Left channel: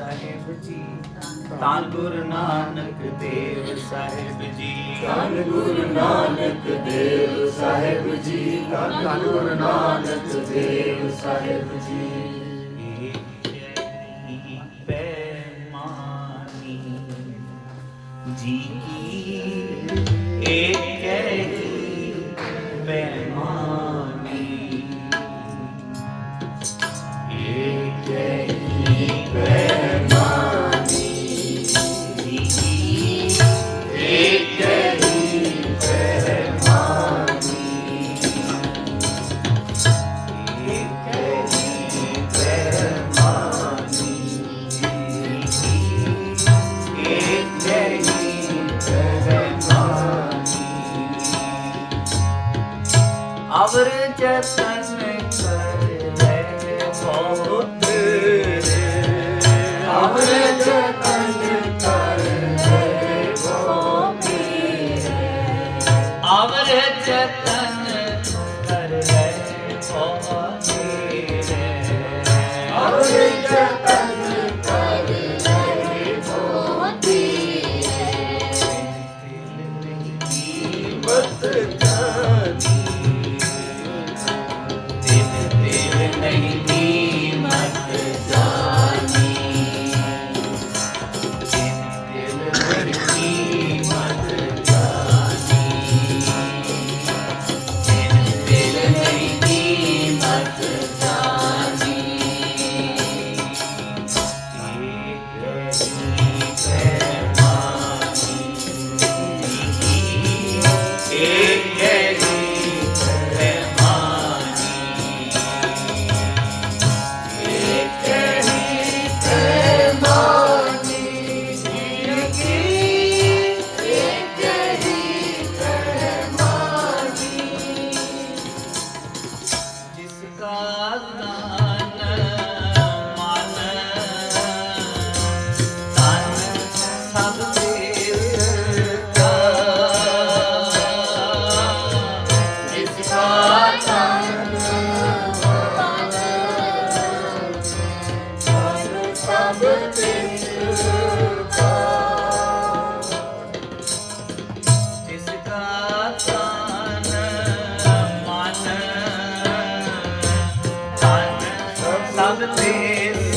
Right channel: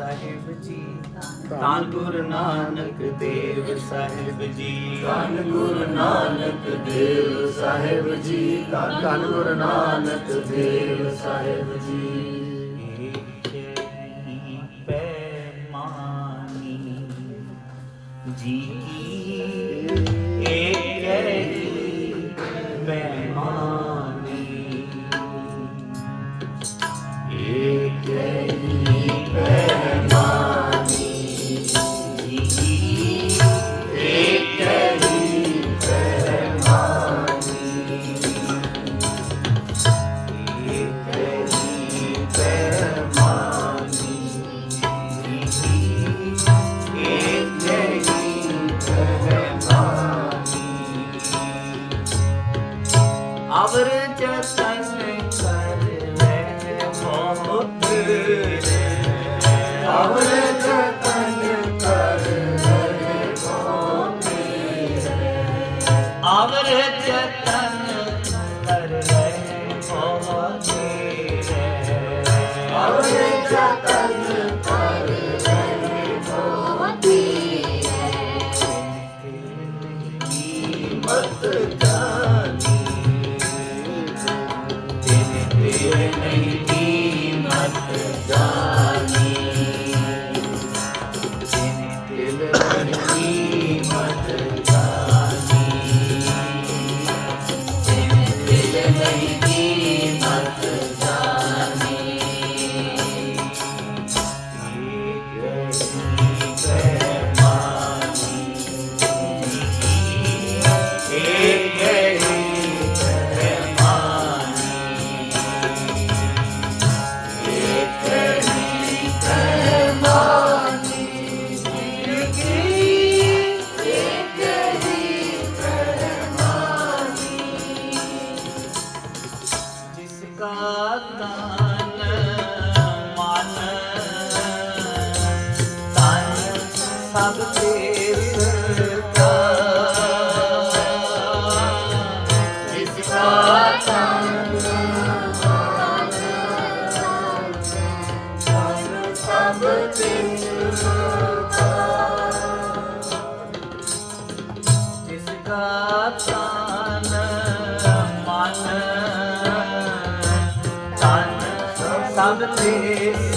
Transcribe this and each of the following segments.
ਸਾਹਿਬ ਜੀ। ਧੰਨ ਗੁਰੂ ਨਾਨਕ ਦੇਵ ਸਾਹਿਬ ਜੀ। ਧੰਨ ਗੁਰੂ ਨਾਨਕ ਦੇਵ ਸਾਹਿਬ ਜੀ। ਧੰਨ Guru Nanak Dev Sahib ji. Alırken sen beklerdim olur ਸਭ ਤੇ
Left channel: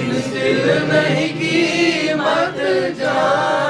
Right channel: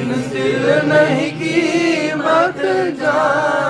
ਇਨ ਨਹੀਂ ਕੀਮਤ ਜਾਣੀ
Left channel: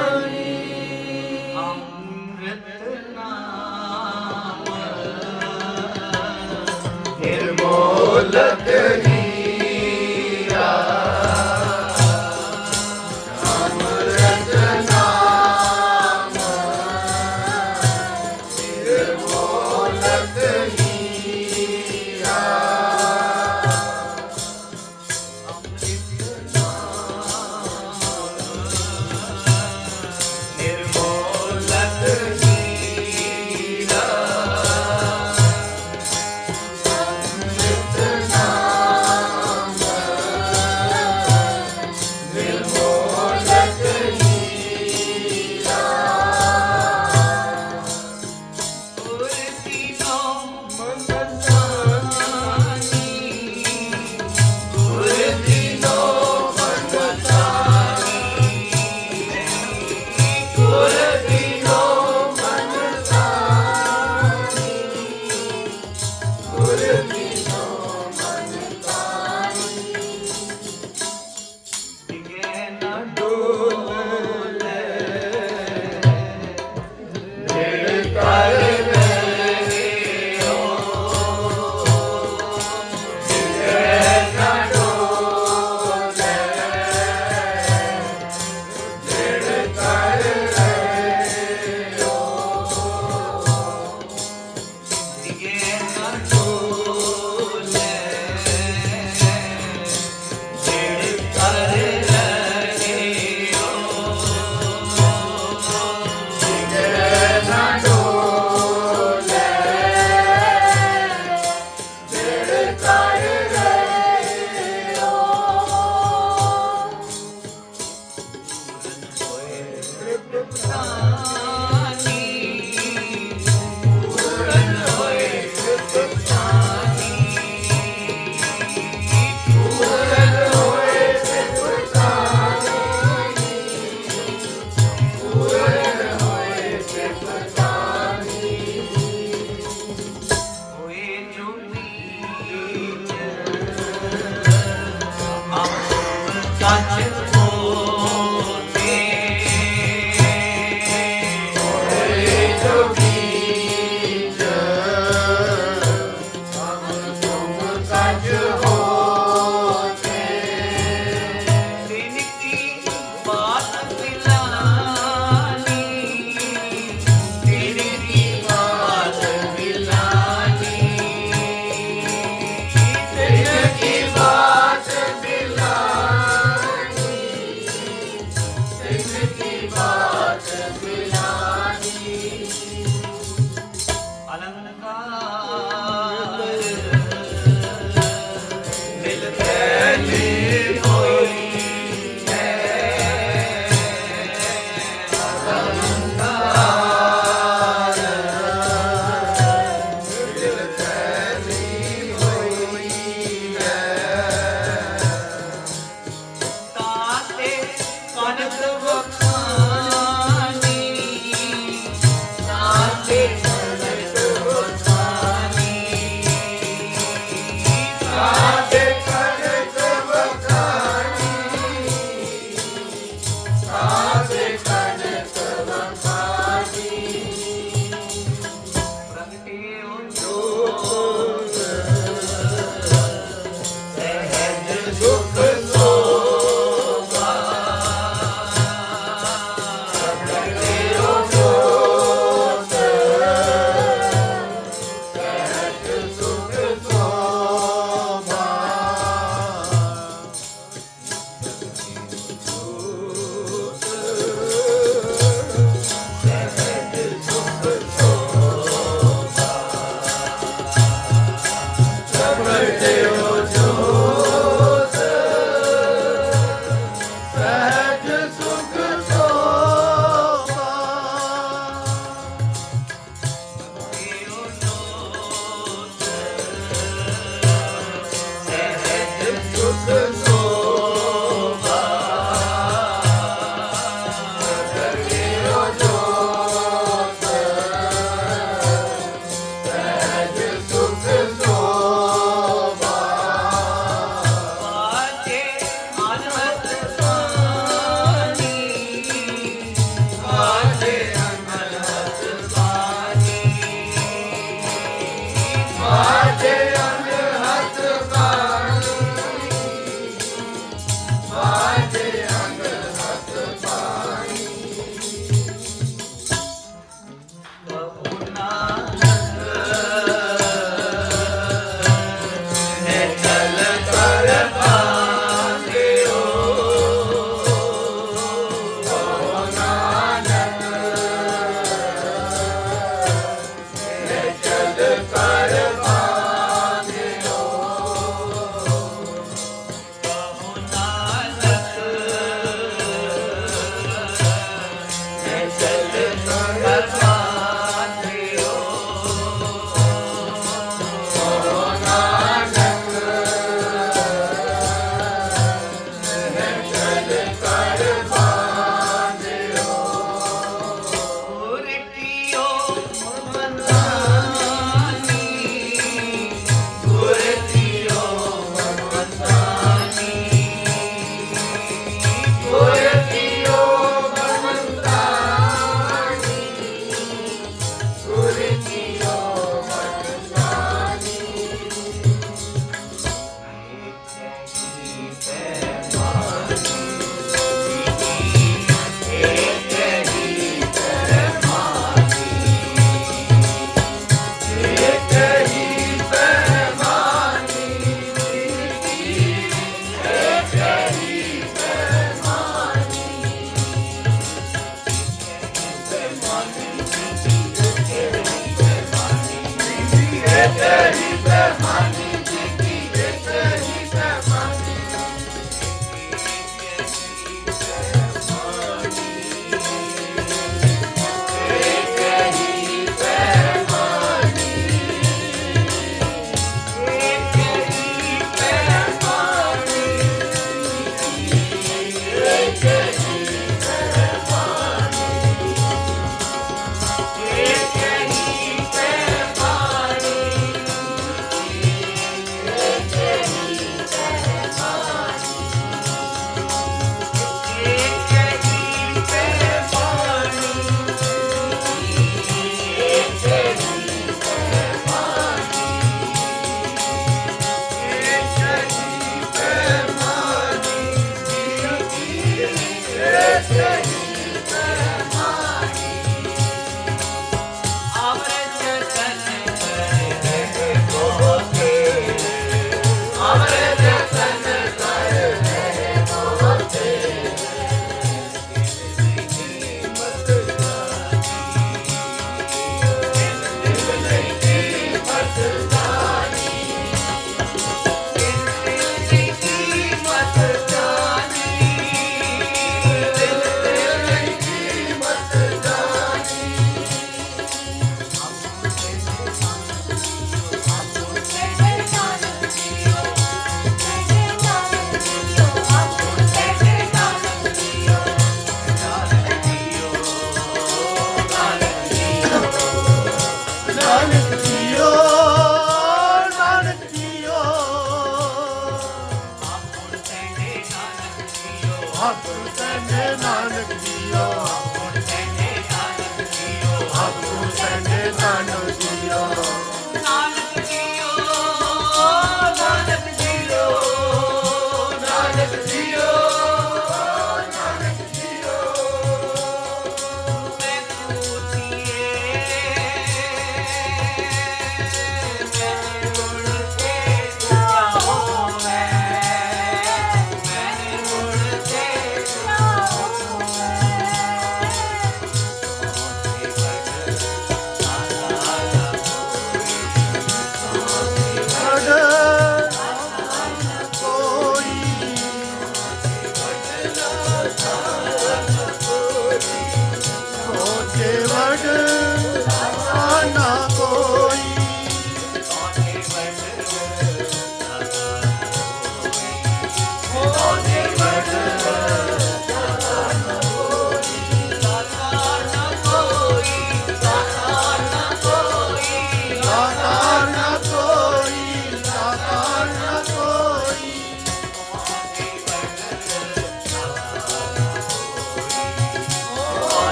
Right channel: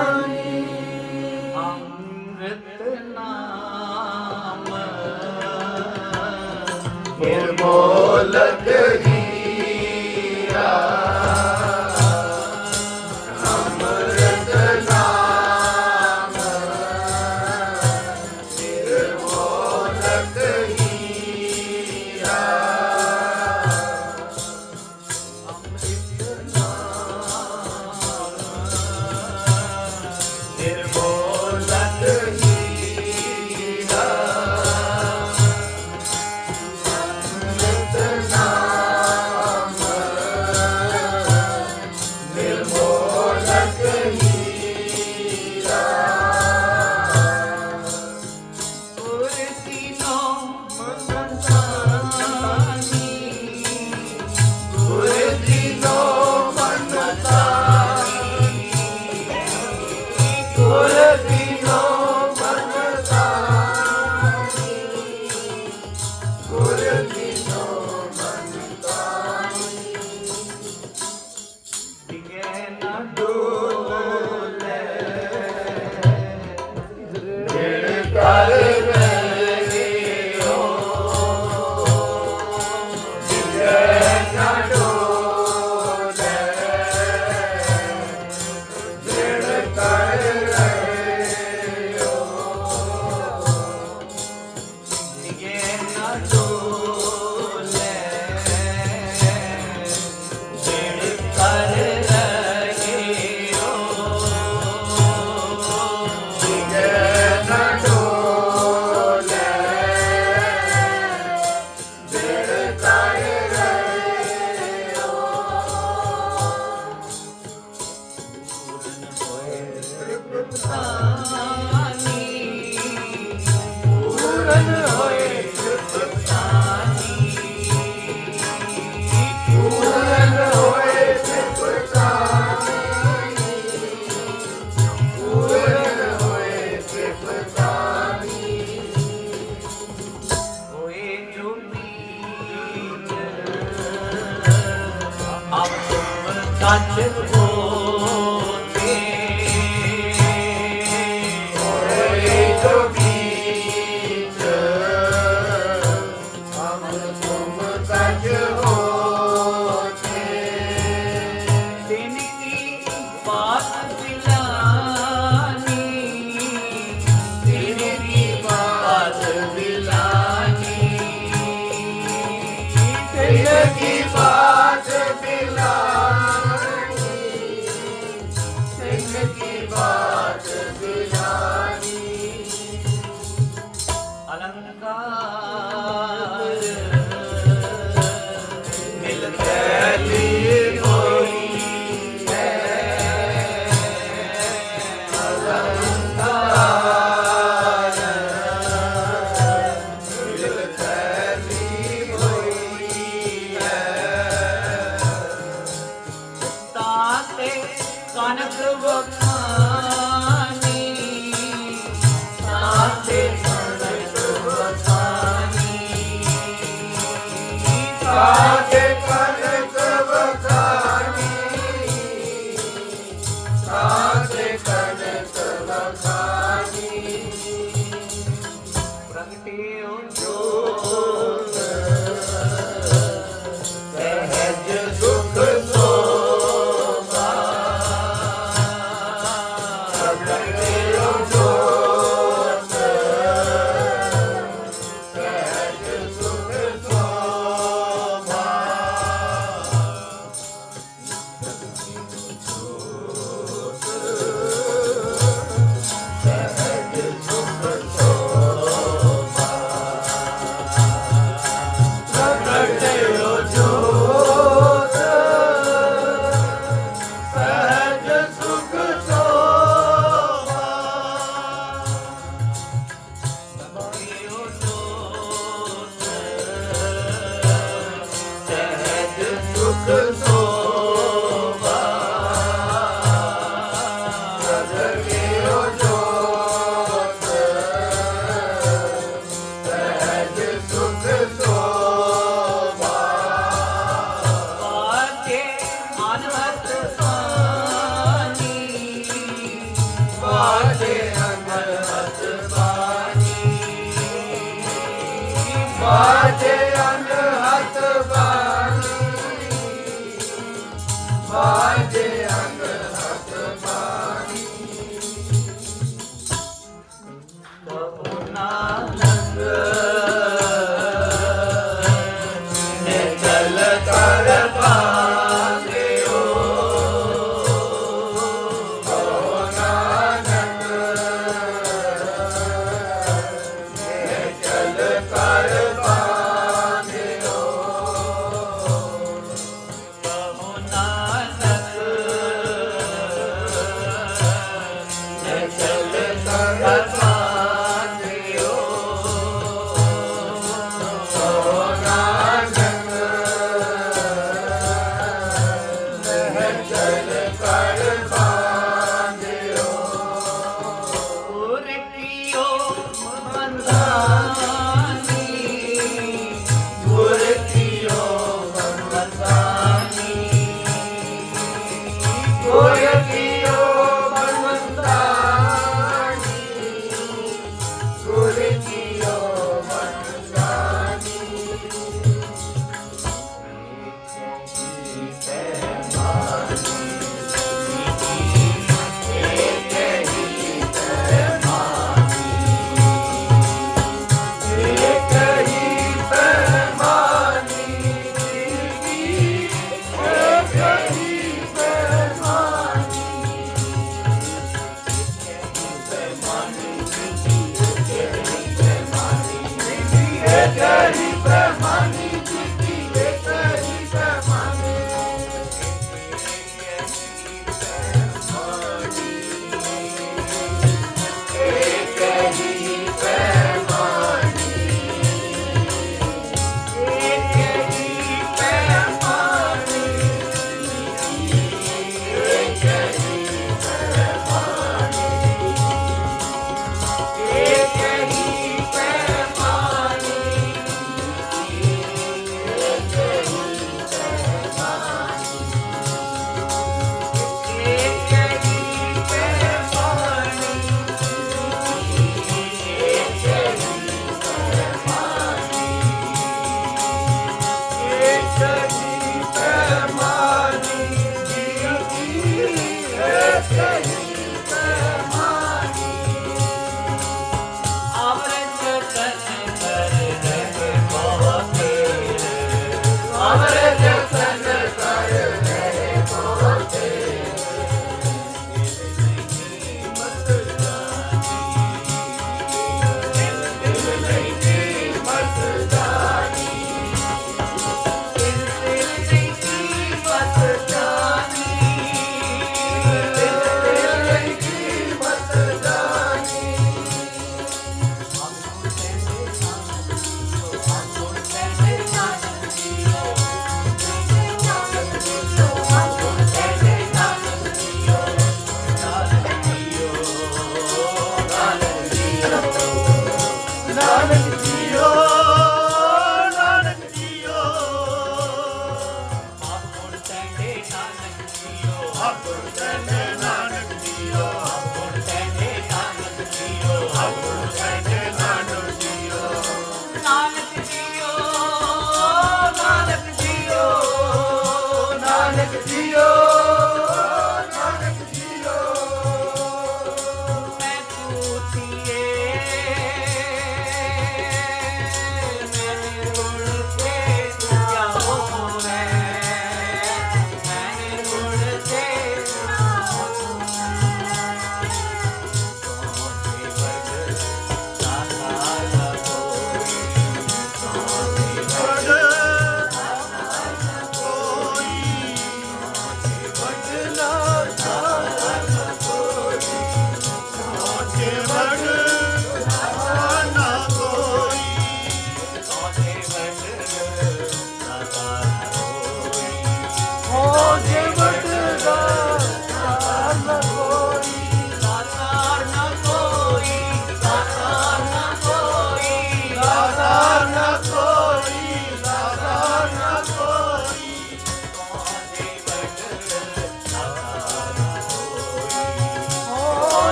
Hey.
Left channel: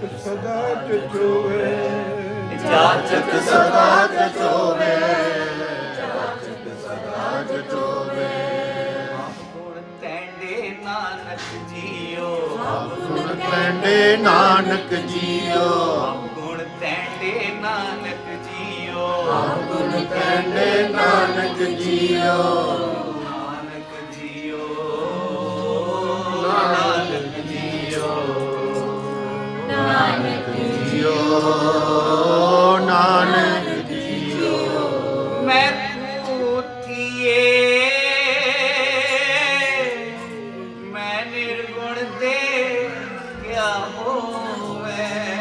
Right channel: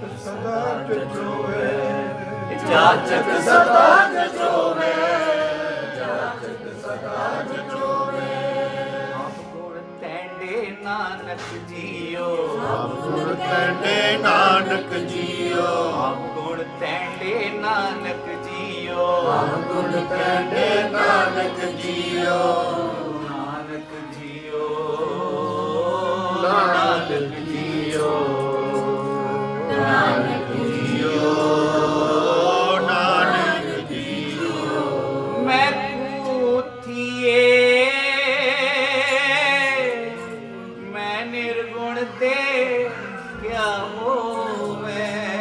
ਜਾਚਕ ਸਦਾ ਜੋਵੇ ਜਾਚਕ ਸਦਾ ਜੋਵੇ ਆਪ ਗੁਣ ਤੈਂਡੇ ਨਾਨਕ ਜੀਓ ਆਪ ਗੁਣ ਤੈਂਡੇ ਨਾਨਕ ਜੀਓ ਆਪ ਗੁਣ ਤੈਂਡੇ ਨਾਨਕ ਜੀਓ ਆਪ ਗੁਣ ਤੈਂਡੇ ਨਾਨਕ ਜੀਓ। ਗੁਣ ਤੇ ਕਿਆ ਹੋਵੇ?